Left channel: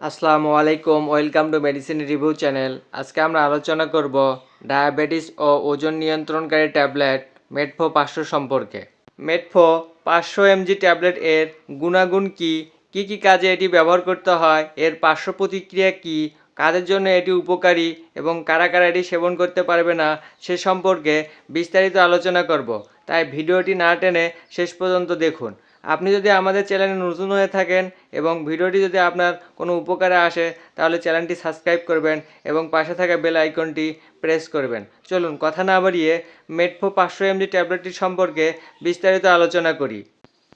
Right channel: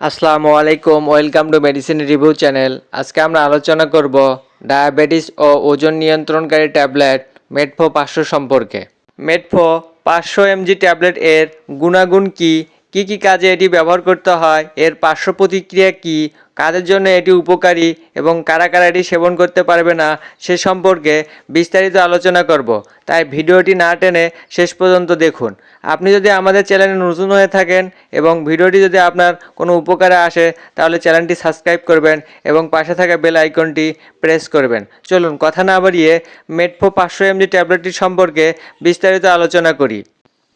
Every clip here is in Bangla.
আসসালামু আলাইকুম, welcome to medicine review channel. আজকে আমরা আলোচনা করব ডায়াবেটিস ও ওজন নিয়ন্ত্রণকারী ট্যাবলেট মেটফো পাঁচশো সম্পর্কে। মেটফো পাঁচশো এমজি ট্যাবলেট এর গুণাগুণ কি? কি কি কাজে এটি ব্যবহার করতে হয়? এর পার্শ্ব প্রতিক্রিয়া কি? কাদের জন্য এটি উপকারী এবং কারা কারা এটি সেবন করতে পারবে না, সে সম্পর্কে বিস্তারিত আলোচনা করব। তাই ভিডিওটি না টেনে শেষ পর্যন্ত দেখুন। আপনি যদি আমাদের চ্যানেলে নতুন হয়ে থাকেন এবং ভিডিওটি যদি আপনার কোনো উপকারে আসে, তাহলে চ্যানেলটি সাবস্ক্রাইব করবেন এবং পাশে থাকা বেল আইকনটি প্রেস করবেন। চলুন, কথা না বাড়িয়ে মেটফো পাঁচশো এমজি ট্যাবলেটটি সম্পর্কে বিস্তারিত আলোচনা করি।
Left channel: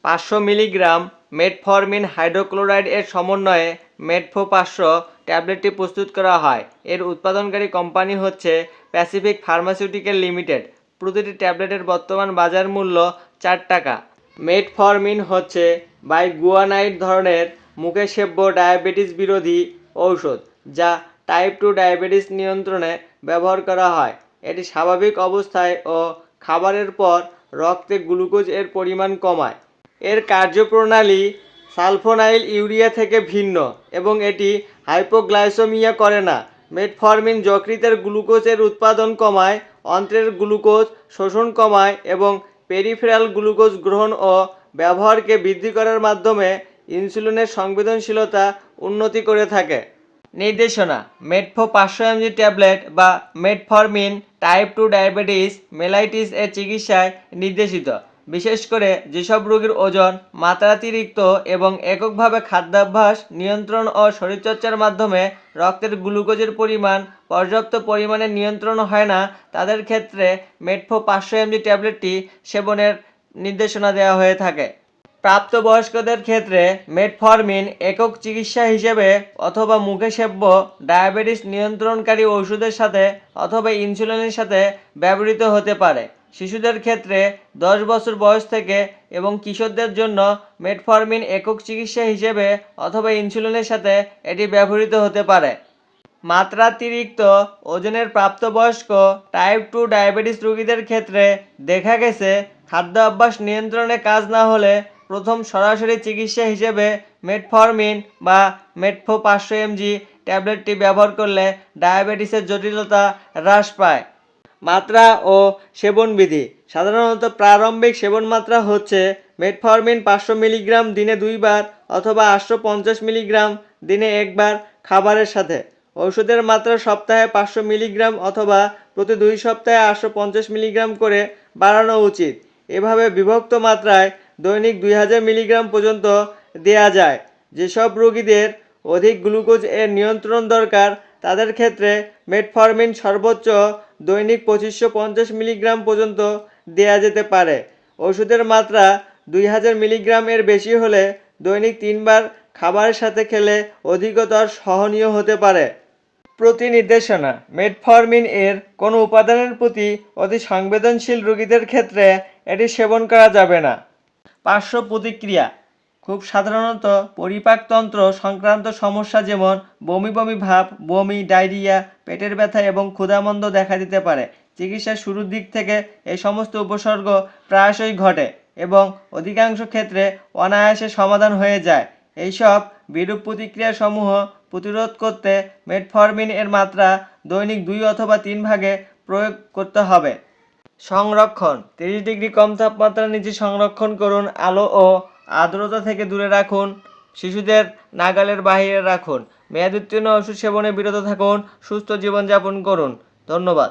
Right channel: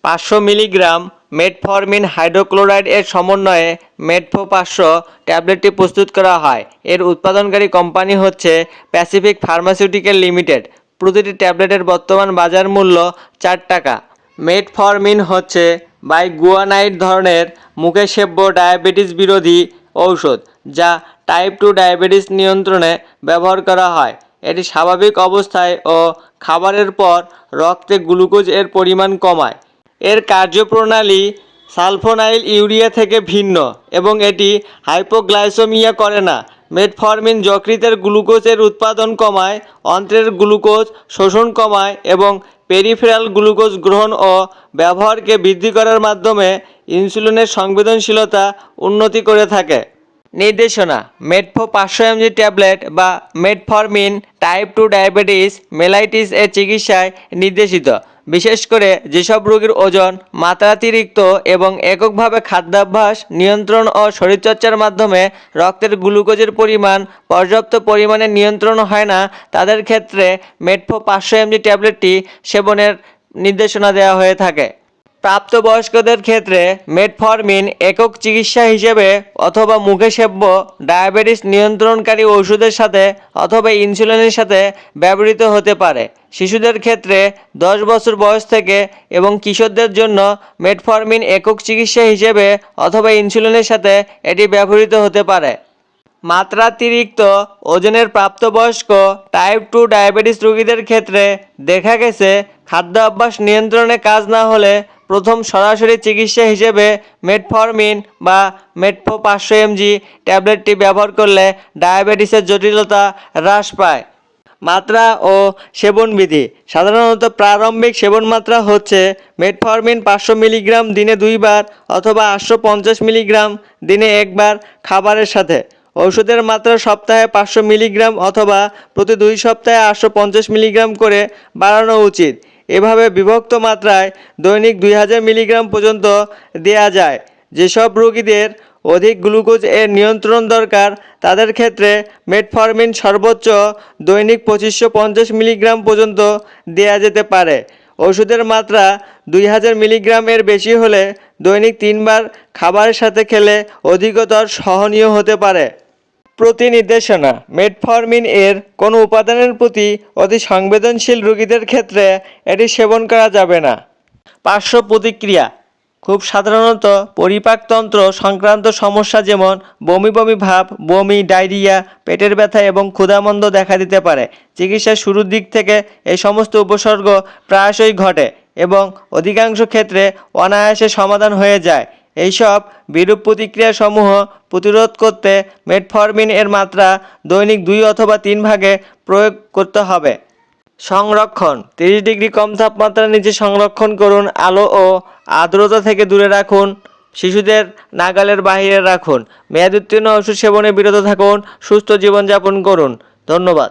পাঁচশো মিলিগ্রাম মেটফরমিন হাইড্রোক্লোরাইড এর সমন্বয়ে মেটফো পাঁচশো ট্যাবলেটটি প্রস্তুত করা হয়। এর উৎপাদনকারী কোম্পানি হচ্ছে প্যাসিফিক ফার্মাসিউটিক্যাল লিমিটেড প্রতিটি ট্যাবলেটের বর্তমান বাজার মূল্য চার টাকা। মেটফরমিন হচ্ছে বাই গুয়ানাইট ধরনের মুখে সেব্য ডায়াবেটিস বিরোধী ঔষধ, যা টাইপ টু ডায়াবেটিস নিয়ন্ত্রণে ব্যবহার করা হয়। এটি স্বাভাবিক অবস্থায় ও খাবারের পর রক্তে গ্লুকোজ এর পরিমাণ কমায়। এর কার্যপ্রণালী সালফোনাইল ইউরিয়া থেকে ভিন্ন এবং এটি হাইপোগ্লাইসোমিয়া করে না। মেটফরমিন যকৃতের গ্লুকোজের উৎপাদন কমায়, অন্ত্রের গ্লুকোজ শোষণ কমায় এবং পেরিফেরাল গ্লুকোজ গ্রহণ ও ব্যবহারকে বৃদ্ধি করার মাধ্যমে ইনসুলিনের সংবেদনশীলতা উন্নতি করে থাকে। নির্দেশনা, মেটফো পাঁচশো এমজি ট্যাবলেট বা metformin type two diabetes mellitus এর চিকিৎসায় নির্দেশিত। বিশেষ করে যেসব রোগীর ওজন মাত্রাতিরিক্ত এবং এককভাবে খাদ্যাভ্যাস, নিয়ন্ত্রণ ও শরীরচর্চার মাধ্যমে রক্তের গ্লুকোজের পরিমাণ, পর্যাপ্ত পরিমাণে নিয়ন্ত্রণ হয় না, তাদের ক্ষেত্রে মেটফো পাঁচশো এমজি ট্যাবলেটটি সেবনের নির্দেশনা দেওয়া হয়ে থাকে। প্রাপ্তবয়স্কদের ক্ষেত্রে মেটফরমিন একক চিকিৎসা হিসেবে অথবা মুখে সেব্য ডায়াবেটিস নিয়ন্ত্রণকারী ওষুধের সাথে অথবা ইনসুলিনের সাথে ব্যবহৃত হতে পারে। শিশুদের ক্ষেত্রে দশ বছর বয়স থেকে এবং কিশোরদের জন্য মেটফরমিন একক চিকিৎসা হিসেবে অথবা ইনসুলিনের সাথে এটি ব্যবহৃত হতে পারে। মাত্রাতিরিক্ত ওজনের প্রাপ্তবয়স্ক টাইপ টু ডায়াবেটিস রোগীদের ক্ষেত্রে দেখা গেছে খাদ্য অভ্যাস নিয়ন্ত্রণে কাজ না হলে প্রথম সরাসরি চিকিৎসা হিসেবে মেটফরমিন বা মেটফো পাঁচশো এমজি ট্যাবলেটটি ব্যবহার করলে ডায়াবেটিসের জটিলতা হ্রাস পায়। মাত্রা ও সেবনবিধি। সাধারণত প্রারম্ভিক সেবন মাত্রা হচ্ছে মেটফরমিন পাঁচশো মিলিগ্রাম দিনে দুইবার অথবা আটশো পঞ্চাশ মিলিগ্রাম দিনে একবার খাবারের সাথে। ওষুধের মাত্রা সপ্তাহে পাঁচশো মিলিগ্রাম অথবা প্রতি দুই সপ্তাহে আটশো পঞ্চাশ মিলিগ্রাম করে বাড়ানো উচিত। এভাবে বিভক্ত মাত্রায় দৈনিক দুই হাজার মিলিগ্রাম পর্যন্ত দেয়া যায়। যেসব রোগীদের অধিক গ্লুকোজ এর নিয়ন্ত্রণ দরকার, তাদের ক্ষেত্রে মেটফরমিন সর্বোচ্চ দৈনিক পঁচিশশো পঞ্চাশ মিলিগ্রাম পর্যন্ত দেয়া যেতে পারে। ওষুধের মাত্রা দুই হাজার মিলিগ্রাম এর বেশি হলে দৈনিক তিনবার খাবারের সাথে খেলে অধিকতর সহনীয় হতে পারে। প্রতি নির্দেশনা মেটফরমিন এর কোনো উপাদানের প্রতি অতি সংবেদনশীল রোগীদের ক্ষেত্রে এটি সেবন করা যাবে না। পার্শ্ব প্রতিক্রিয়া। খুব সাধারণত পরিপাকতন্ত্র সংক্রান্ত সমস্যা যেমন বমি বমি ভাব, বমি, ডায়রিয়া, পেটের ব্যথা এবং ক্ষুধামন্দ দেখা দিতে পারে। চিকিৎসার শুরুর দিক থেকে এই সমস্ত উপসর্গ প্রায়শই ঘটে এবং অধিকাংশ ক্ষেত্রে অনায়াসে সমাধান হয়ে যায়। এইসব বিরূপ প্রতিক্রিয়াসমূহ প্রতিরোধ করতে মেটফরমিন এর মাত্রা দৈনিক দুই অথবা তিন ভাগে প্রয়োগ করতে হবে। সংরক্ষণ, তিরিশ ডিগ্রি কম তাপমাত্রার নিচে সংরক্ষণ করুন, আলো ও আর্দ্রতা থেকে দূরে রাখুন, শিশুদের নাগালের বাইরে রাখুন, মেয়াদ উত্তীর্ণ ওষুধ সেবনে বিরত থাকুন, সুস্থ জীবনযাপন করুন। ধন্যবাদ।